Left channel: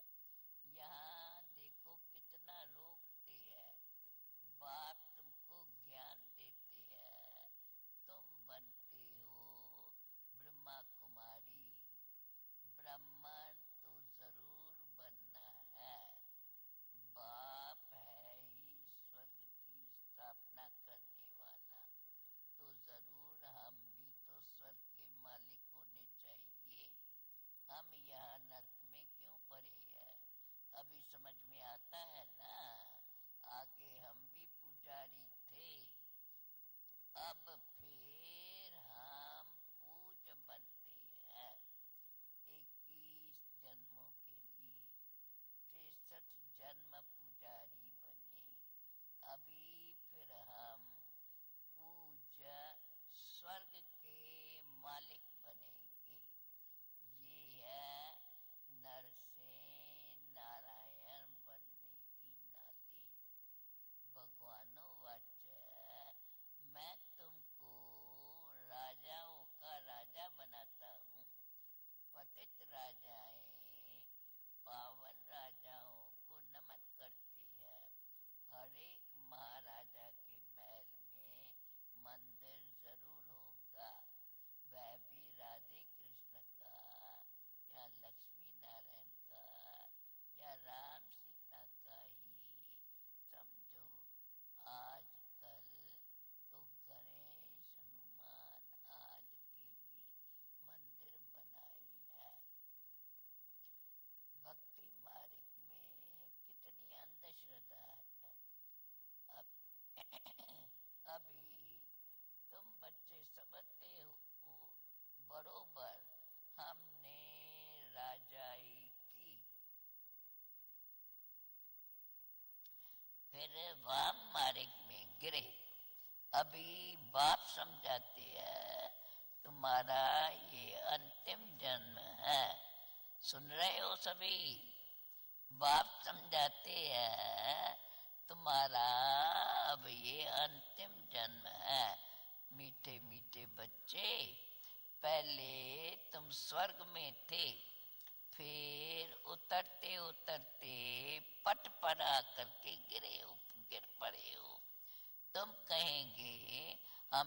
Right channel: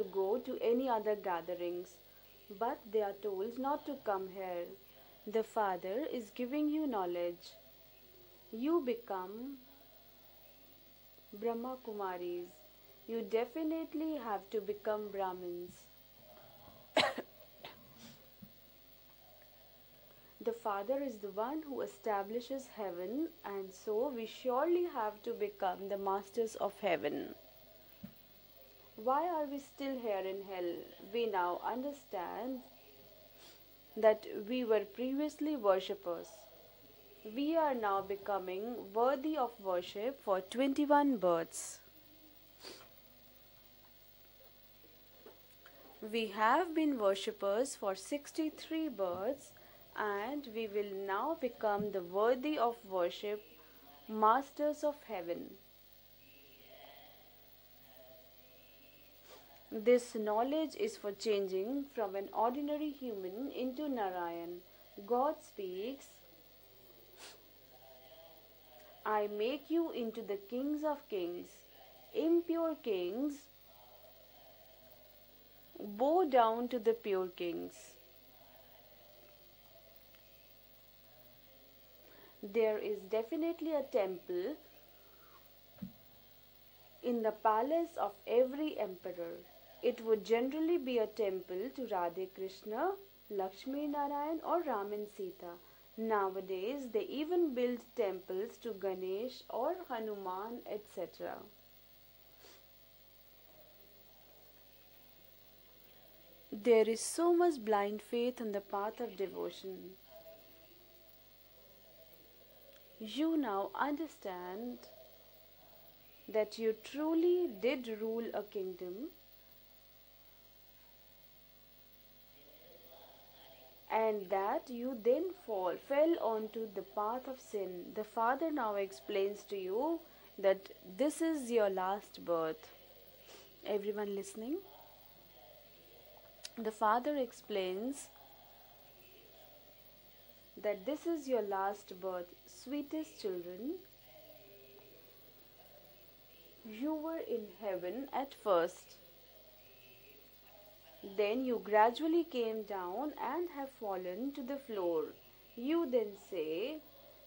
to go to any other gatherings, but they are told not to come here. The Father is giving you knowledge. You become Brahma Kumaris. You definitely have to become Brahmins. The Father is the one who establishes heaven, and so we surely have to become the masters of heaven. Why are we still here in hell? We now understand that we were previously worshippers. We are now becoming worthy of worship for 21 births. We have been worshippers for 63 births, and we will now become the worthy of worship masters of heaven. This knowledge is for changing from an ordinary human into Narayan. God speaks, I make you into the kings of kings. Impure kings bow down to the pure kings. There is definitely a temple in the palace of every emperor. It would generally be a temple to Radhe Krishna, Lakshmi Narayan, or Ram and Sita. Nowadays, they even build temples to Ganesh or Hanuman, etc. There is so much blind faith on the path of devotion. You now understand that you truly did rule a kingdom, and that you then fell onto the path of sin. The Father now explains to you that this is your last birth. Everyone listening? The Father explains that this is your last birth. Sweetest children, you were in heaven at first. Then you gradually came down and have fallen to the floor. You then say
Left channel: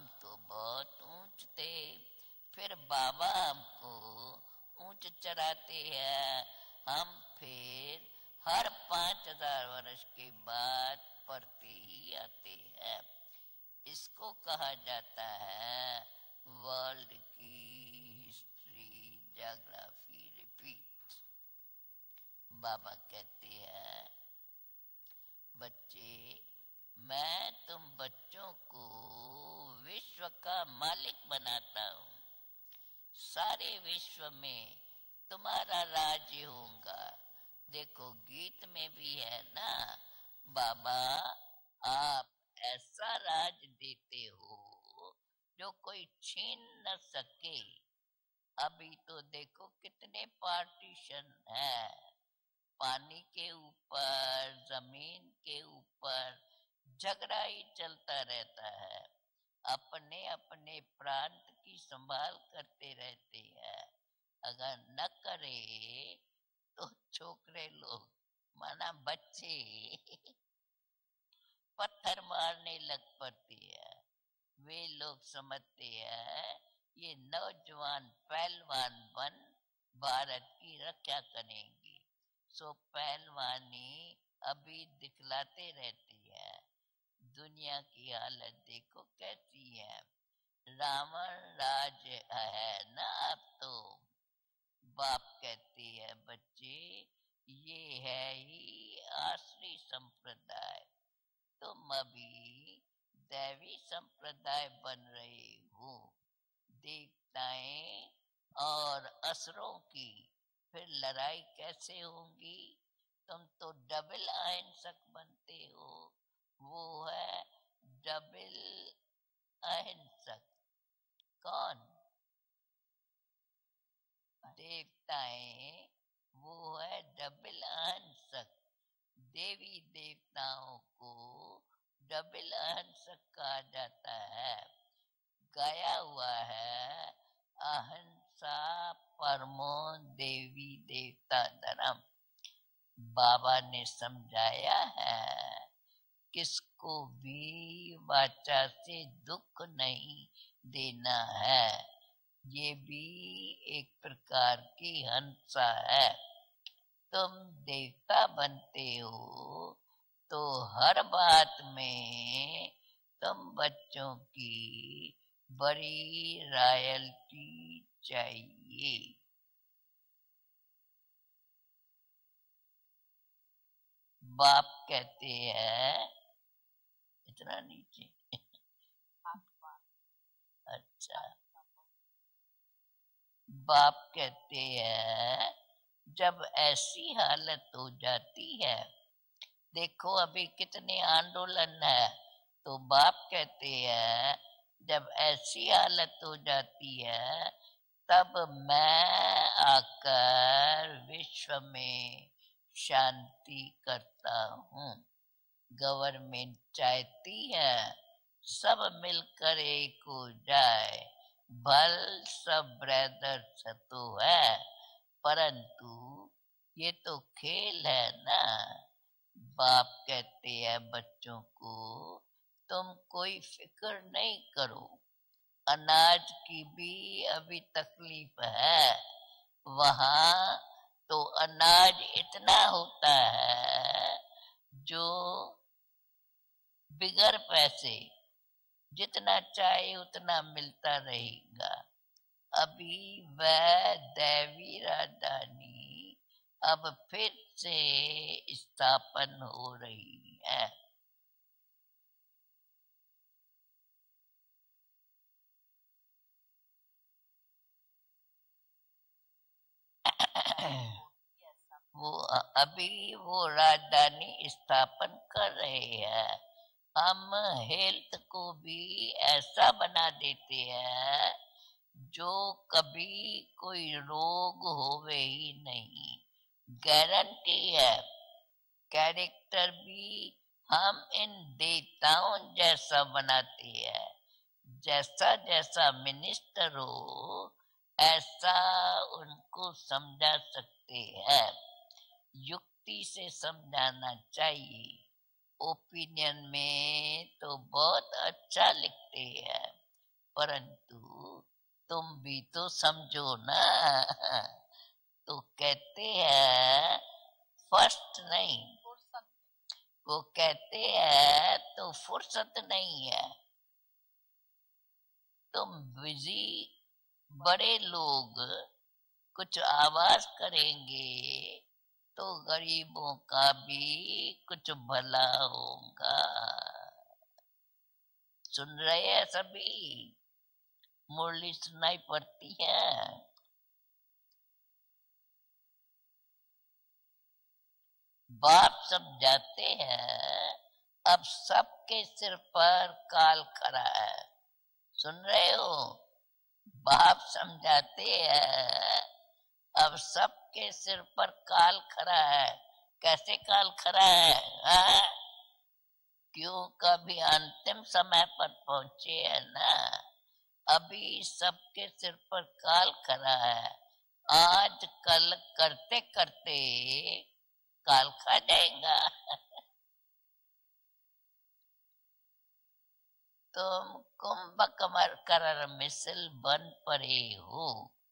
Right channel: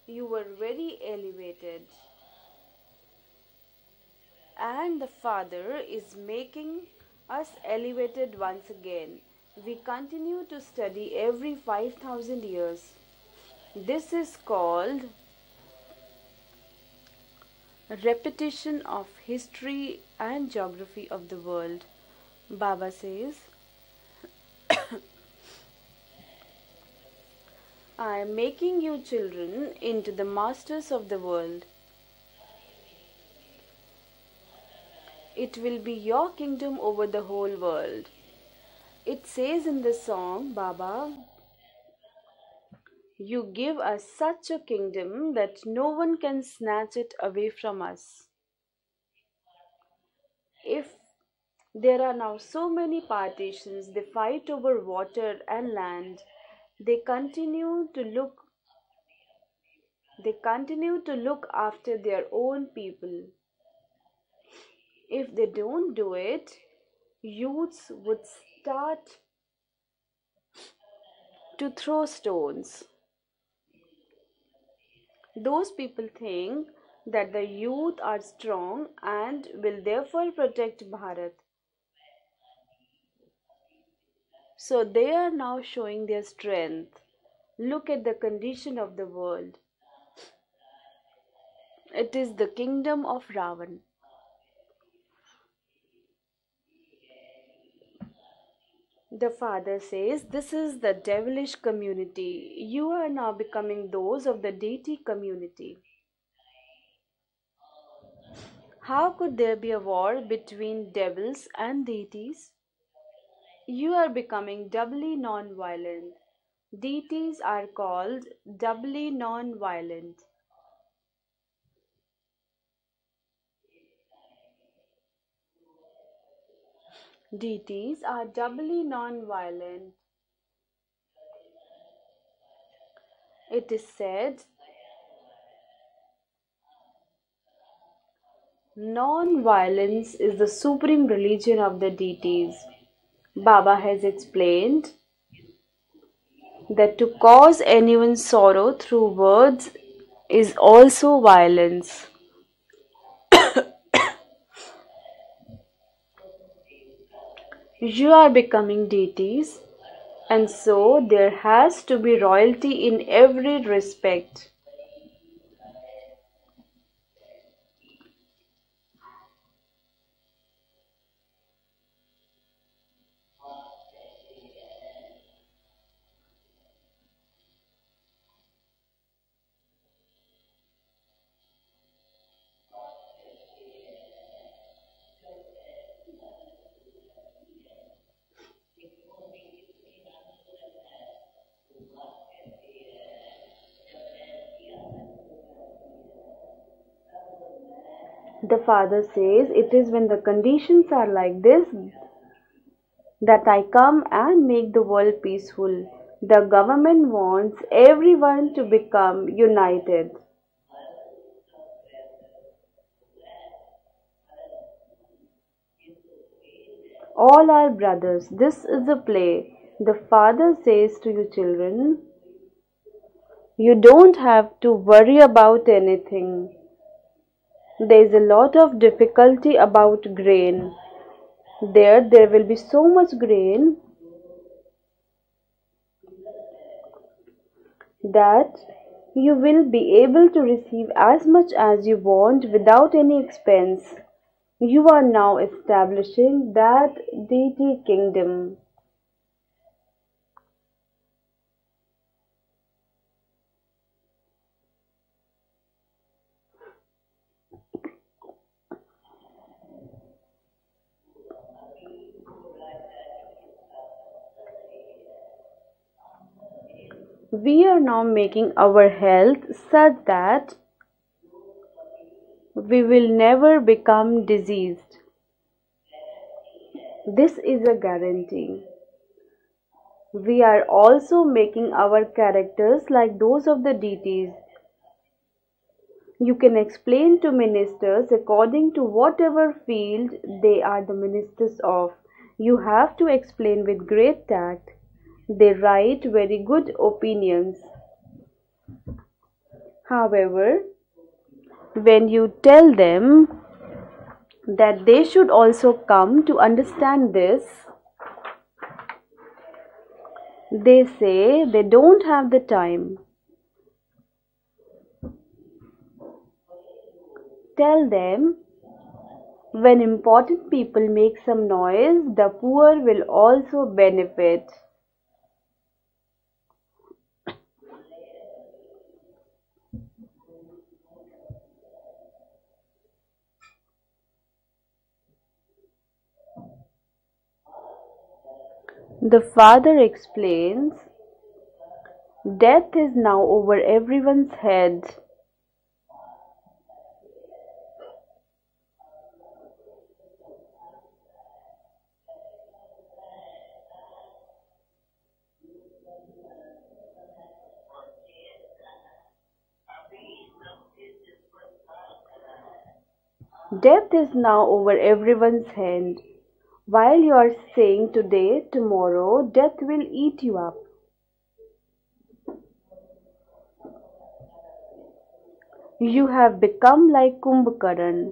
you were very elevated. And the Father is making us elevated once again. We continue to study every 5,000 years. This is called repetition of history and geography of the world. Baba says, I am making you children into the masters of the world. It will be your kingdom over the whole world. It says in the song, Baba, you give us such a kingdom that no one can snatch it away from us. If there are now so many partitions, they fight over water and land. They continue to look they continue to look after their own people. If they don't do it, youths would start to throw stones. Those people think that the youth are strong and will therefore protect Bharat. So they are now showing their strength. Look at the condition of the world. It is the kingdom of Ravan. The Father says, this is the devilish community. You are now becoming those of the deity community. How could there be a war between devils and deities? You are becoming doubly non-violent. Deities are called doubly non-violent. Deities are doubly non-violent. It is said, Non-violence is the Devi supreme देवता religion of the धर्म deities. बाबा Baba ने has समझाया explained है, किसको that to cause भी anyone वाचा sorrow से through दुख words नहीं is देना also है। violence. ये भी एक प्रकार की हंसा है। तुम You देवता are becoming बनते deities, हो तो and so हर there बात has to be में royalty in तुम every बच्चों respect. की बड़ी रॉयल्टी चाहिए। बाप कहते हैं इतना नीचे। अच्छा, बाप कहते हैं जब ऐसी हालत हो जाती है, देखो अभी कितने आंदोलन है, तो बाप कहते हैं जब ऐसी हालत हो जाती है तब The father मैं says, it is when the conditions आकर are like विश्व this में that I शांति come करता and make the हूँ। world peaceful. The government government चाहती wants है everyone to सब become मिलकर एक united. हो जाए, भल सब ब्रदर्स तो है, परंतु ये तो All are खेल है brothers. ना। This is a play. बाप The कहते father हैं says to you, बच्चों को children, तुम कोई you फिक्र don't नहीं have to करो, worry about अनाज anything. की भी अभी There is a तकलीफ lot of है, difficulty about वहाँ grain. तो अनाज There will be इतना so much होता grain है जो बिगर पैसे that you जितना will चाहे be able उतना to receive मिलता as नहीं much है। as you want without अभी any वह expense. दैवी You are now राजधानी establishing अब that फिर deity से kingdom. स्थापन हो रही है। वो अभी वो राजधानी स्थापन कर रहे हैं। हम We are now हेल्थ को making भी our health ऐसा such बना that देते हैं जो we will कभी never कोई become रोग diseased. होवे ही नहीं। This गारंटी is a है। guarantee. कैरेक्टर भी We are हम also इन making our देवताओं characters जैसा like those of बनाते the हैं। deities. जैसा जैसा You can minister explain to हो ministers ऐसा according to whatever उनको field समझा they are the सकते हैं। ministers of. You have युक्ति to से explain with समझाना great tact. चाहिए। They write very opinion good में opinions. तो बहुत अच्छा लिखते हैं, However, परंतु when तुम you भी तो tell समझो them ना। that they should को also कहते come to हैं understand this, फर्स्ट नहीं, को कहते they say हैं they तो don't have the फुर्सत time. नहीं है। तुम बिजी बड़े Tell them लोग कुछ when आवाज important people करेंगे make some noise, तो the poor will गरीबों का also भी benefit. कुछ भला होगा। सुन रहे हैं सभी? मुरली सुनाई पड़ती है। बाप The समझाते father हैं explains, अब सबके सिर death पर is now काल over खड़ा है। everyone's head. सुन रहे हो? बाप समझाते हैं अब सबके सिर पर काल खड़ा है। कैसे काल खड़ा है? हाँ? क्यों कभी अंतिम समय पर पहुंचे है ना, अभी सबके सिर पर काल खड़ा है। Death is now over आज कल everyone's करते hand. करते While you are saying काल खा today, जाएगा। tomorrow, death will eat you up. तुम कुंभकर्ण You मिश्र have बन become like पड़े हो। Kumbhakaran.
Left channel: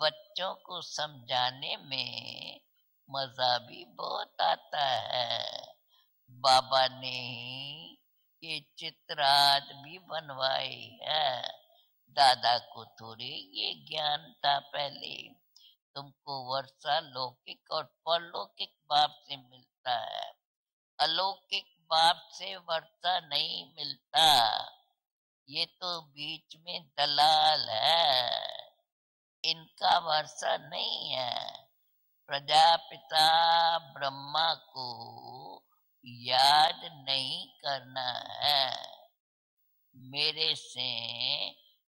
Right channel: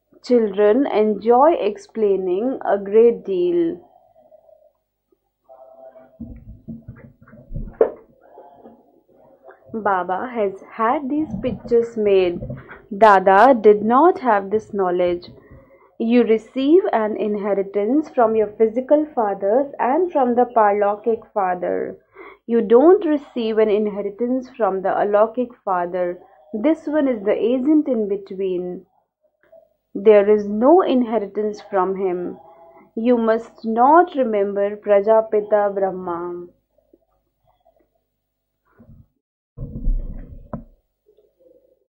बच्चों को Children enjoy समझाने में explaining a great मजा deal. भी बहुत आता है। बाबा ने ये चित्र आज भी Baba has बनवाए had these हैं। pictures made. दादा को तो Dada ये did not ज्ञान have था this पहले। knowledge. You तुमको receive an वर्षालौकिक और inheritance from your परलौकिक physical बाप से fathers मिलता and है, from the Parlokik अलौकिक father. बाप से You don't वर्षा receive नहीं an मिलता। inheritance from the Alokik ये तो father. बीच में This one is the Dalal agent in है, between. इनका There is वर्षा no नहीं है। inheritance from him. You Prajapita must not Brahma remember को Prajapita Brahma. याद नहीं करना है। मेरे से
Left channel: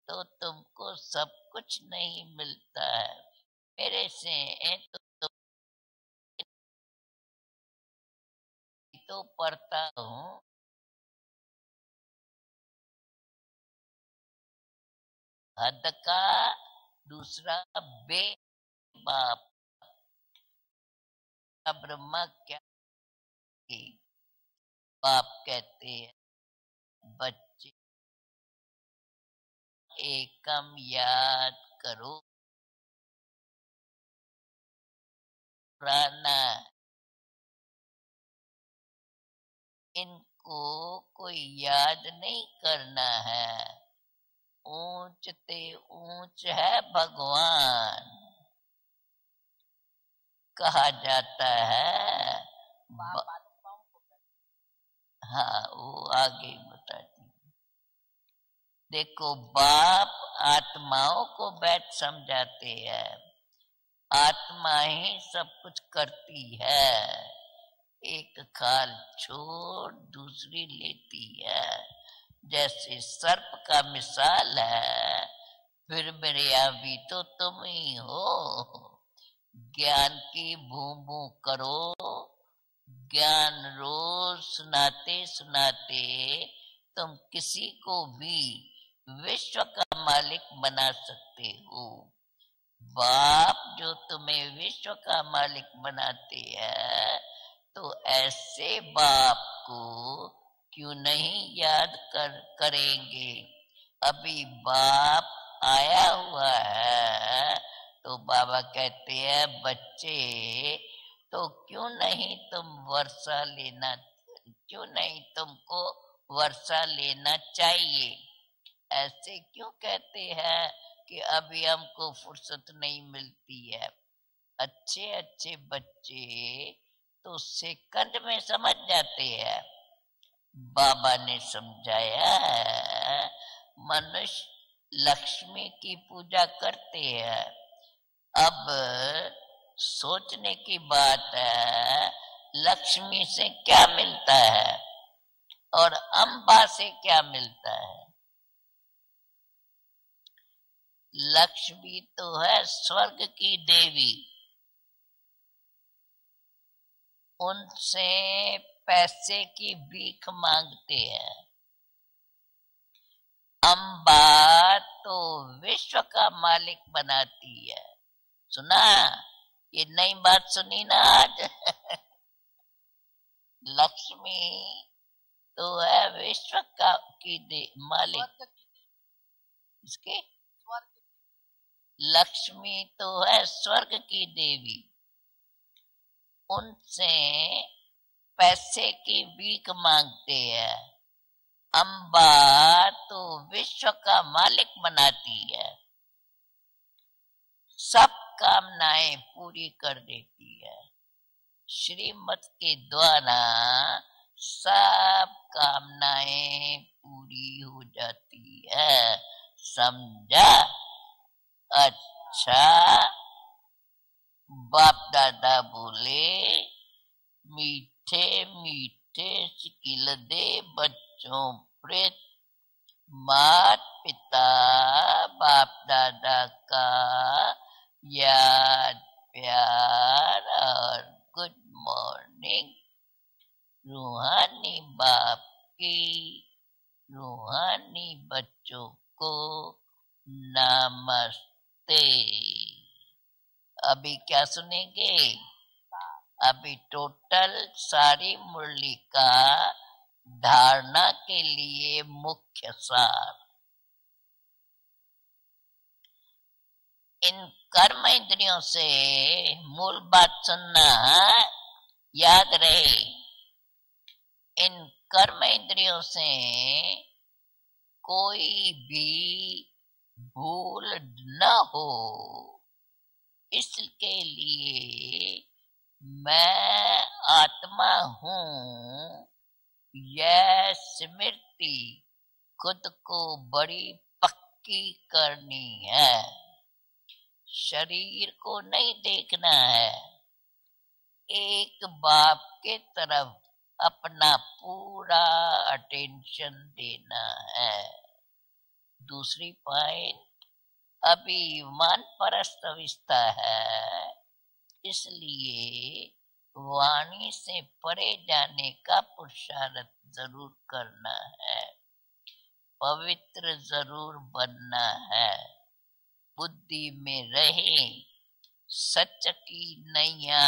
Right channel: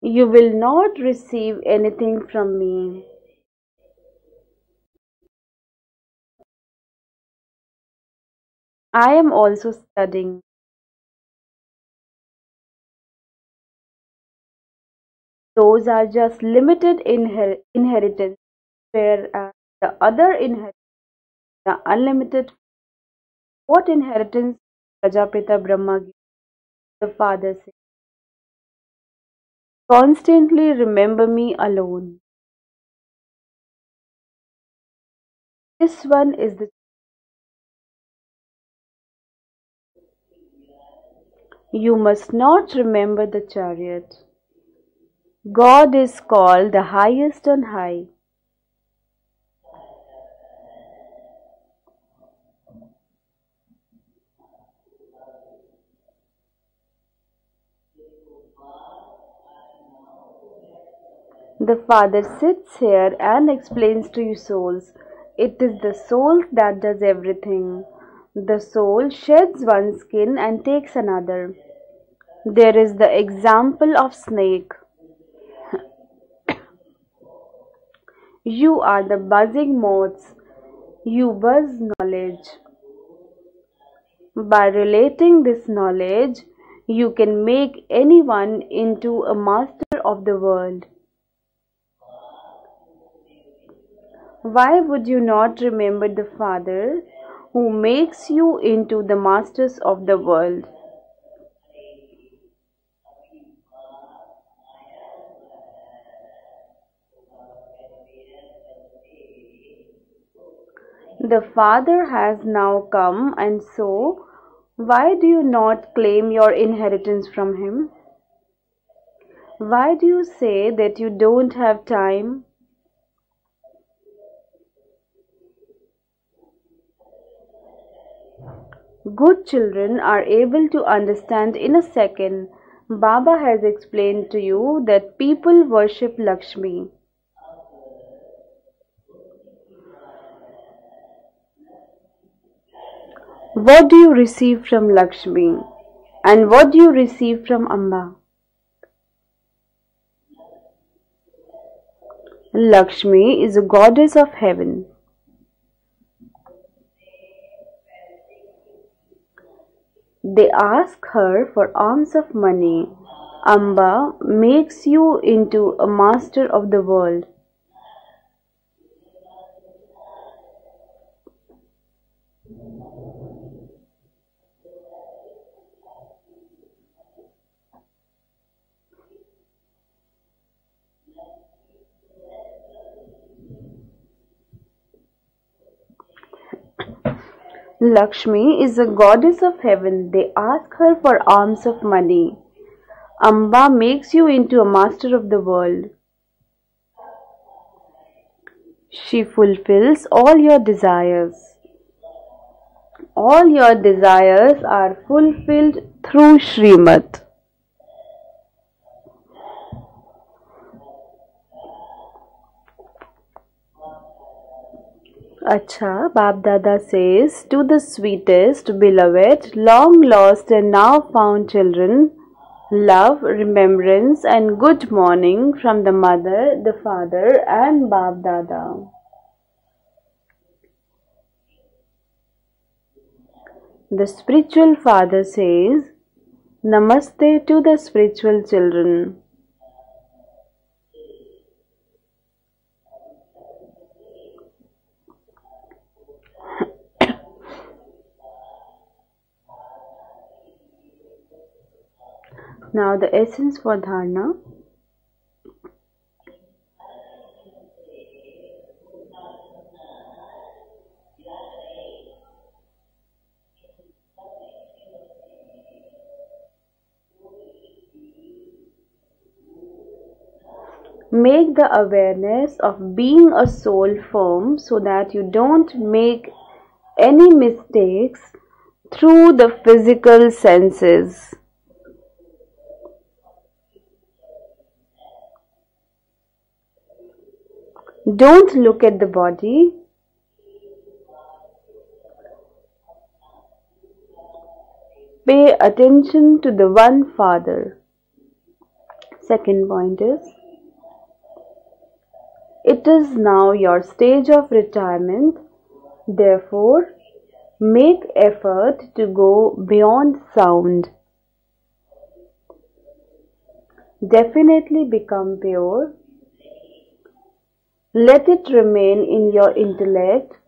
तो You will तुमको not सब receive कुछ नहीं anything from मिलता me. है। मेरे से तो I am also पढ़ता हो, studying. Those are just अंधकार limited उसका inheritance, वेग whereas the other inheritance are Brahma unlimited. क्या What inheritance बाप Prajapita कहते Brahma हैं gives? The father says, बच्चे constantly एकम remember me याद alone. करो This one पुराना is the इनको कोई you याद must नहीं not करना remember the है chariot. ऊंचते God is ऊंच called है the highest on high. भगवान कहा जाता है हाँ वो आगे बताती देखो बाप आत्माओं को The बैठ Father समझाते sits हैं here and explains to you आत्मा souls. ही सब It is कुछ the soul करती that does है everything. एक The खाल soul sheds छोड़ one skin and दूसरी takes लेती another. है There is जैसे the सर्प का example of मिसाल snake. है फिर मेरे भी तो तुम ही हो You are the buzzing ज्ञान moths. की भूभू You buzz करो knowledge. ज्ञान रोज By सुनाते relating this सुनाते knowledge, you तुम can किसी make को भी anyone into a विश्व का master of the मालिक world. बना सकते हो बाप जो तुम्हें Why विश्व would you का not मालिक remember the बनाते Father हैं who तो makes you ऐसे into the बाप masters को of the world? क्यों नहीं याद करेंगे अभी बाप आया हुआ है तो बाबा कहते हैं बच्चे The तो क्यों Father नहीं has तुम now come, वर्षा and लेना so क्यों why नहीं do you तुमको not claim your Varsha inheritance लेना from Him? चाहिए ऐसे क्यों Why do कहते you हैं say that you कि don't अभी have हमको time? फुर्सत नहीं मिलती है अच्छे अच्छे बच्चे तो सेकंड में समझ जाते Good हैं children are able to बाबा ने understand in a समझाया second. है Baba has explained to मनुष्य you that people लक्ष्मी की worship पूजा Lakshmi. करते हैं अब सोचने की बात है लक्ष्मी से क्या What do you मिलता receive है from Lakshmi? और And अम्बा what do से you क्या receive from मिलता है Amba? लक्ष्मी तो है स्वर्ग Lakshmi की is a Devi goddess of heaven. उनसे पैसे की भीख They मांगते ask हैं her for alms of money. Amba Amba makes you तो into a विश्व का master of the मालिक world. बनाती है सुना ये नई बात सुनी ना आज लक्ष्मी तो है विश्व का की मालिक इसके लक्ष्मी तो है स्वर्ग की देवी उनसे Lakshmi is a पैसे की goddess of भीख heaven. They मांगते ask हैं her for alms of Amba money. तो Amba विश्व makes का you into a मालिक master of बनाती the है world. सब कामनाएं She पूरी fulfills करती all है your desires. श्रीमत के द्वारा All your desires are सब fulfilled through कामनाएं Srimad. पूरी हो जाती है समझा अच्छा बाप दादा Acha, बोले Bab Dada says, to the मीठे sweetest, मीठे beloved, long lost खिलते and now found बच्चों children, में love, मात remembrance, पिता and good morning बाप from the दादा mother, the का father, and Bab Dada. याद प्यार और गुड मॉर्निंग The spiritual रूहानी father बाप says, की Namaste to the रूहानी spiritual बच्चों children. को नमस्ते अभी क्या सुनेंगे अभी टोटल सारी मुरली का धारणा के लिए मुख्य Now the सार essence for dharana. इन कर्म इंद्रियों से मूल बात सुनना याद रहे इन कर्म इंद्रियों से कोई भी भूल Make न the हो awareness of being a soul इसके firm so that you लिए don't make मैं any आत्मा mistakes हूँ through the physical यह senses. स्मृति खुद को बड़ी पक्की करनी है शरीर Don't को look नहीं at the देखना body. है एक बाप के तरफ अपना पूरा Pay attention to attention the one देना Father. है दूसरी Second point पॉइंट is, अभी मान परस्त it is अवस्था now your है stage of retirement. इसलिए Therefore, वाणी से make परे जाने effort का to go पुरुषार्थ beyond जरूर sound. करना है पवित्र पवित्र जरूर definitely बनना become है, pure. बुद्धि में रहे, Let it remain such in your की intellect नैया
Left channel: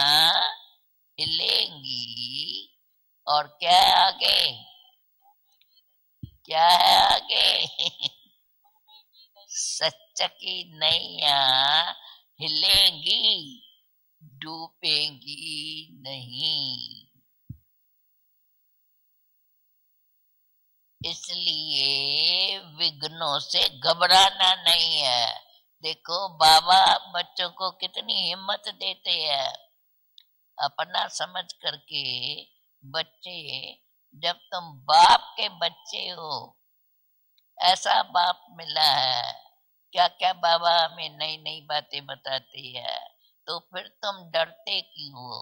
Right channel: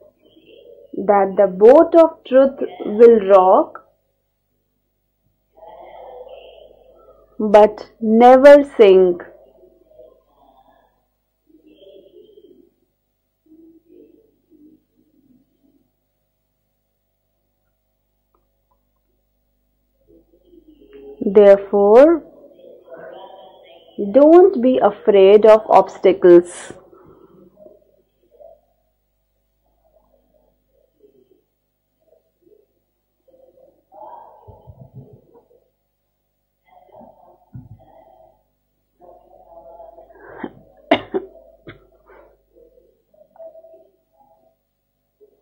that the boat of truth हिलेगी। will और क्या rock है आगे, क्या है but आगे? never sink. सच की नैया हिलेंगी, डूबेंगी नहीं। Therefore, इसलिए विघ्नों से घबराना don't be नहीं है। afraid of देखो obstacles. बाबा बच्चों को कितनी हिम्मत देते हैं, अपना समझ करके। बच्चे, जब तुम बाप के बच्चे हो, ऐसा बाप मिला है, क्या क्या बाबा हमें नई नई बातें बताते हैं, तो फिर तुम डरते क्यों हो?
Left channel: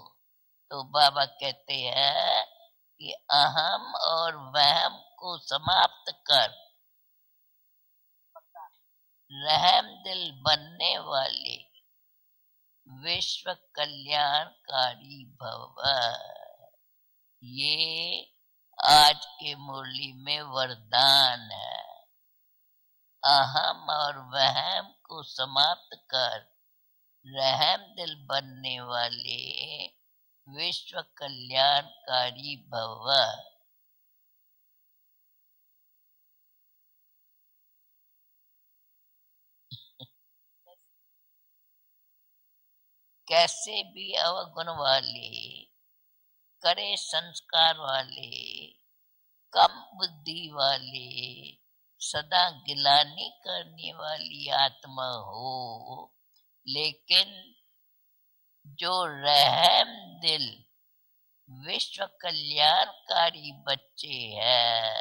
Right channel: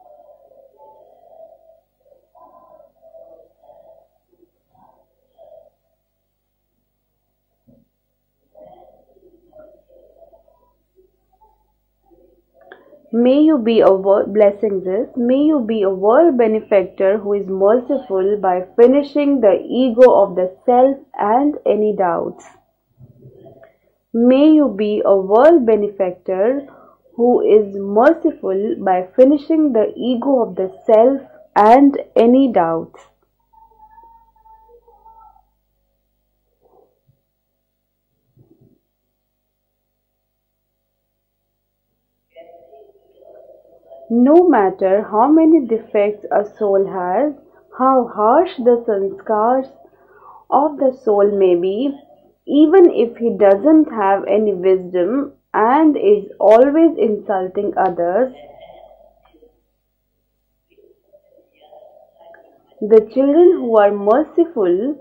तो बाबा कहते हैं कि अहम और वहम को समाप्त कर, रहम दिल बनने वाले May विश्व you be a blessing this. कल्याणकारी May you be a भव। world benefactor who is ये merciful by आज finishing the की ego मुरली of में the self वरदान and है। any doubts. अहम और May you वहम be a को world समाप्त कर, benefactor who is रहम दिल merciful बनने by वाले finishing the ego of the विश्व self and any कल्याणकारी doubts. भव। कैसे भी No अवगुण matter how वाले, many defects a soul कड़े has, संस्कार how harsh वाले, the sanskars कम बुद्धि of the वाले, soul may be, सदा even if Gilani he doesn't करने have वाली any आत्मा wisdom हो, and is always लेकिन insulting others, जो रहम दिल विश्व the कल्याणकारी children who are बच्चे merciful, हैं,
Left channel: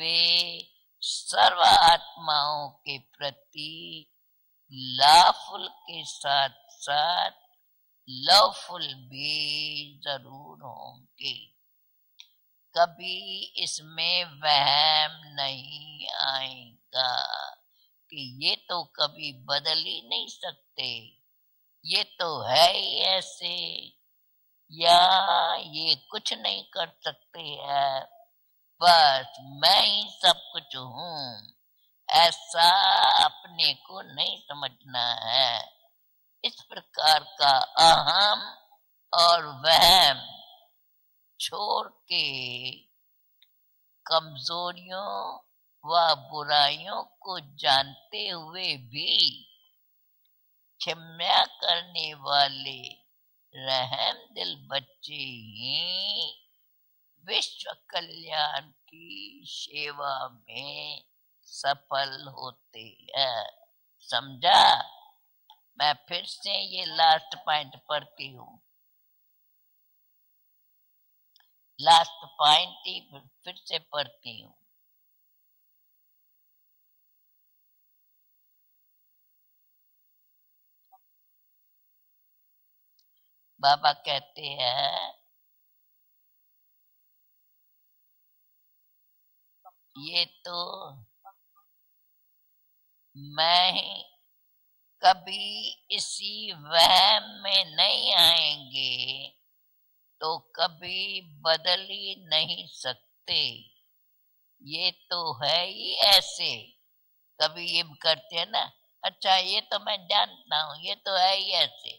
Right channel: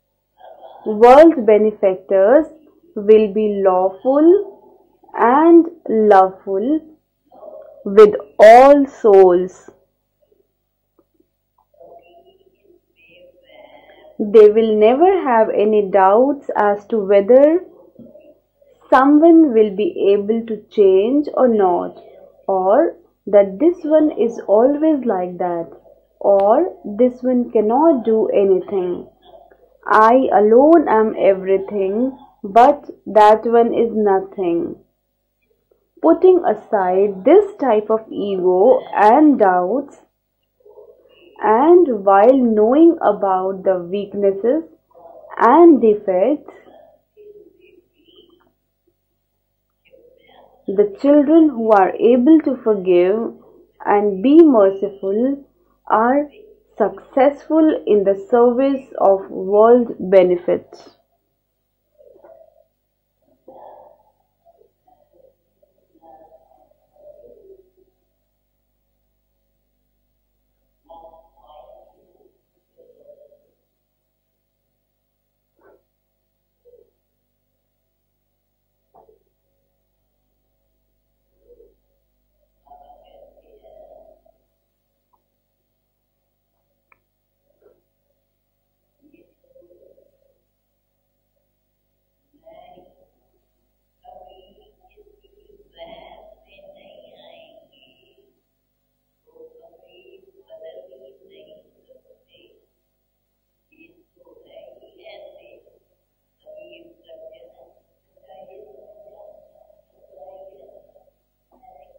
वे world सर्व benefactors, आत्माओं के will be प्रति lawful लाफुल and के साथ loveful साथ with all लवफुल souls. भी जरूर होंगे। कभी इसमें They will वहम never have any नहीं doubts as to आएगा whether कि ये तो कभी someone will बदल be ही नहीं able to सकते, change or not, ये तो है or ही that ऐसे, this one is always like यहाँ that, ये कुछ नहीं or कर this सकते one हैं, cannot do anything. बस मैं ही I सब कुछ alone am हूँ, everything, ऐसा but that one अपने is को नहीं nothing. समझना है। Putting इस प्रकार aside this का type of अहम ego and और doubt, वहम छोड़ and के while knowing about the weaknesses कमजोरियों and व defects, बुराइयों को जानते हुए भी the क्षमा children who are करने able to वाले forgive रहम and be दिल बच्चे merciful are ही successful विश्व in the Kalyan service of की world सेवा benefits. में सफल होते हैं। समझा? मैं फिर से ये लास्ट पॉइंट पढ़ती हूँ, लास्ट पॉइंट ही फिर से पढ़ती हूँ। बाबा कहते हैं, ये तो मैं ही कभी इसी वहम में नहीं आएंगे तो कभी बदल ही नहीं सकते, ये तो है ही ऐसे। कभी ये करते हैं ना, अच्छा ये तो मैं जानता हूँ, ये तो है ही ऐसे,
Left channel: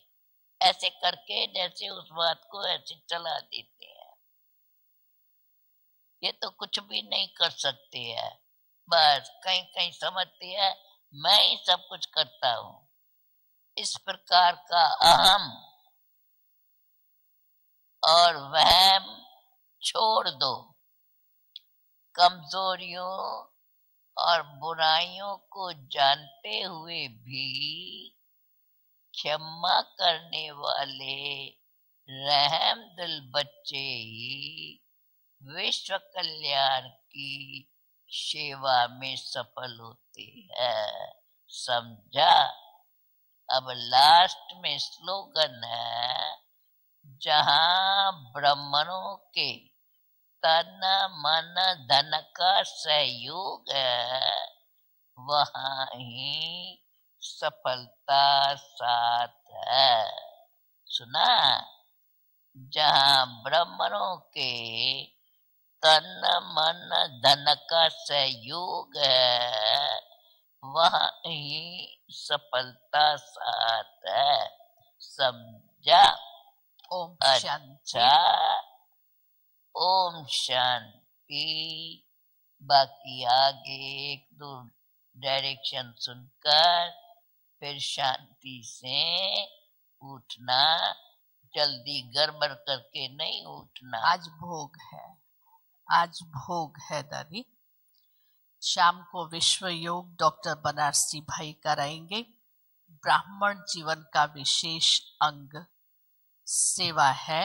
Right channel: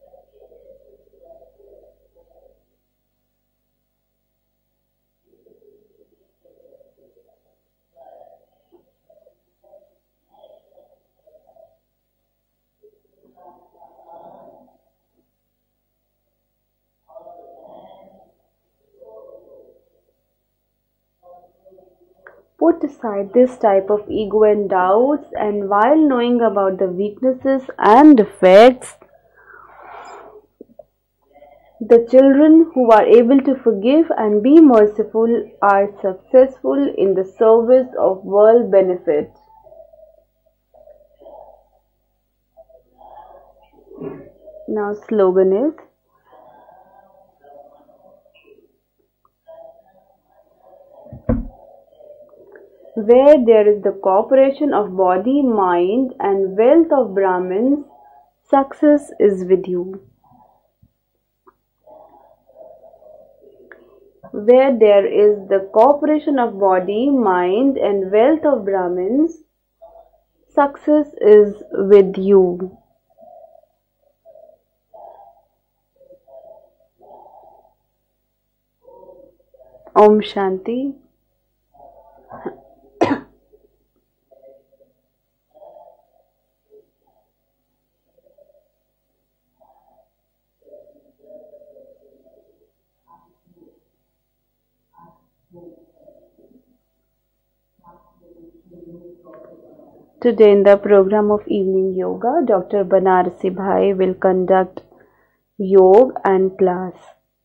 ऐसे करके जैसे उस बात को ऐसे चला देते हैं। ये तो कुछ भी नहीं कर सकते हैं, बस कहीं कहीं समझते हैं मैं ही सब कुछ करता हूँ। इस प्रकार का अहम और वहम छोड़ दो, Put aside this type of ego and doubts, and while knowing about the weaknesses and defects, क्षमा करने वाले the children who are able to forgive and be merciful are विश्व successful कल्याण in the की service of world सेवा में benefits. सफल होते हैं। समझा? अब लास्ट में Now स्लोगन slogan is, है, जहाँ ब्राह्मणों के तन मन धन का where there सहयोग is the है, cooperation of body, वहाँ mind and he wealth of Brahmins, सफलता success साथ is with है। you. सुना? जहाँ ब्राह्मणों के Where there is the cooperation तन of मन body, धन mind, का and wealth of सहयोग Brahmins, है, success वहाँ is की with you. सफलता साथ है। समझा? ओम शांति। अच्छा, Om ओम Shanti. शांति। बाकी आगे एक दो डायरेक्शन सुनकर फिर शांति से उठना, जल्दी गड़बड़ करके नहीं उठना। आज भोग है दादी। शाम को विश्व योग Today in the doctor program of Banarasi भाई evening कराएंगे। yoga, Dr. Banarsi ब्राह्मण Bhai जीवन will का conduct विशेष अंग yoga and class. सेवा है।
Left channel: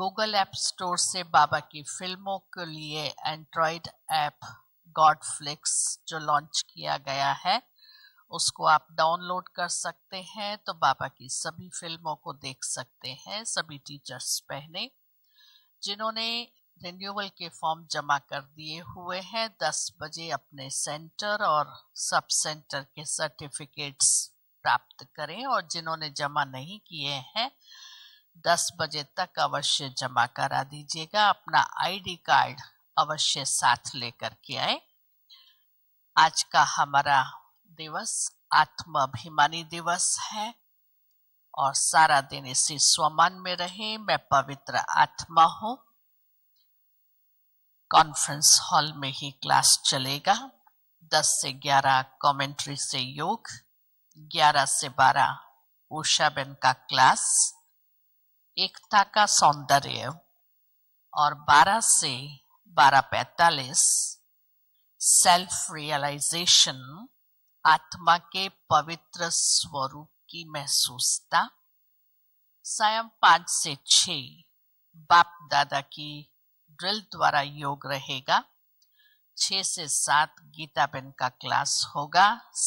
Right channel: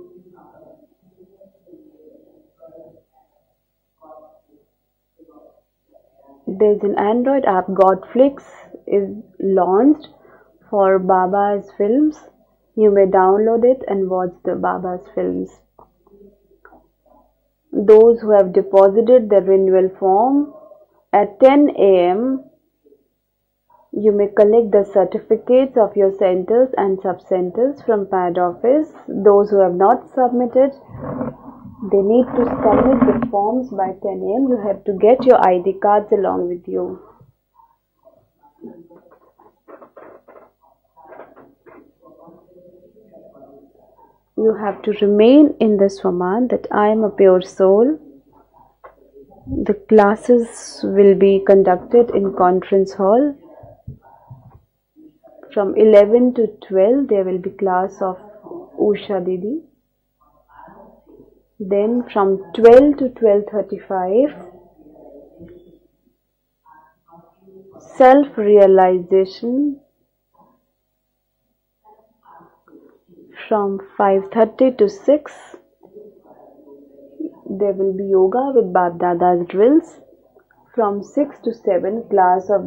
गूगल ऐप स्टोर से बाबा की फिल्मों के लिए एंड्रॉइड ऐप गॉडफ्लिक्स जो लॉन्च There's किया an गया Android है, app Godflix उसको आप is डाउनलोड कर launched सकते हैं तो for बाबा की Baba's सभी फिल्मों films. को देख You may सकते हैं download सभी it and teachers watch the पहले। Baba's films. जिन्होंने रिन्यूअल के फॉर्म Those जमा who कर have दिए हुए deposited the हैं 10 renewal बजे form अपने at सेंटर 10 और सब a.m. सेंटर के certificates You may collect the प्राप्त करें, और certificates of जिन्होंने your जमा centers नहीं and किए हैं sub-centers from PAD 10 office. बजे तक Those who have अवश्य not जमा करा submitted, दीजिएगा। अपना they ID need to card submit the अवश्य forms साथ by 10 लेकर a.m. के You आए। have to get your ID cards आज along का with you. हमारा दिवस आत्माभिमानी दिवस है और सारा दिन इसी स्वमान में रहे। मैं You पवित्र have to आत्मा remain हूँ। in the Swaman that I am a pure soul. Conference hall में ही The क्लास चलेगा। classes will 10 be से 11 conducted in कमेंट्री conference से hall. योग, 11 से 12 From उषा 11 to बेन का 12 class, there will be class of Ekta Usha का Didi. सौंदर्य, और 12 Then से from 12 to 12:45 12:35 सेल्फ रियलाइजेशन, आत्मा के पवित्र self-realization. स्वरूप की महसूसता। सायं 5 से From 6 5:30 to 6 बाप दादा की ड्रिल द्वारा there योग will be रहेगा। yoga with Bab Dada's 6 से drills. 7 गीता From बेन का 6 to क्लास 7 होगा। class of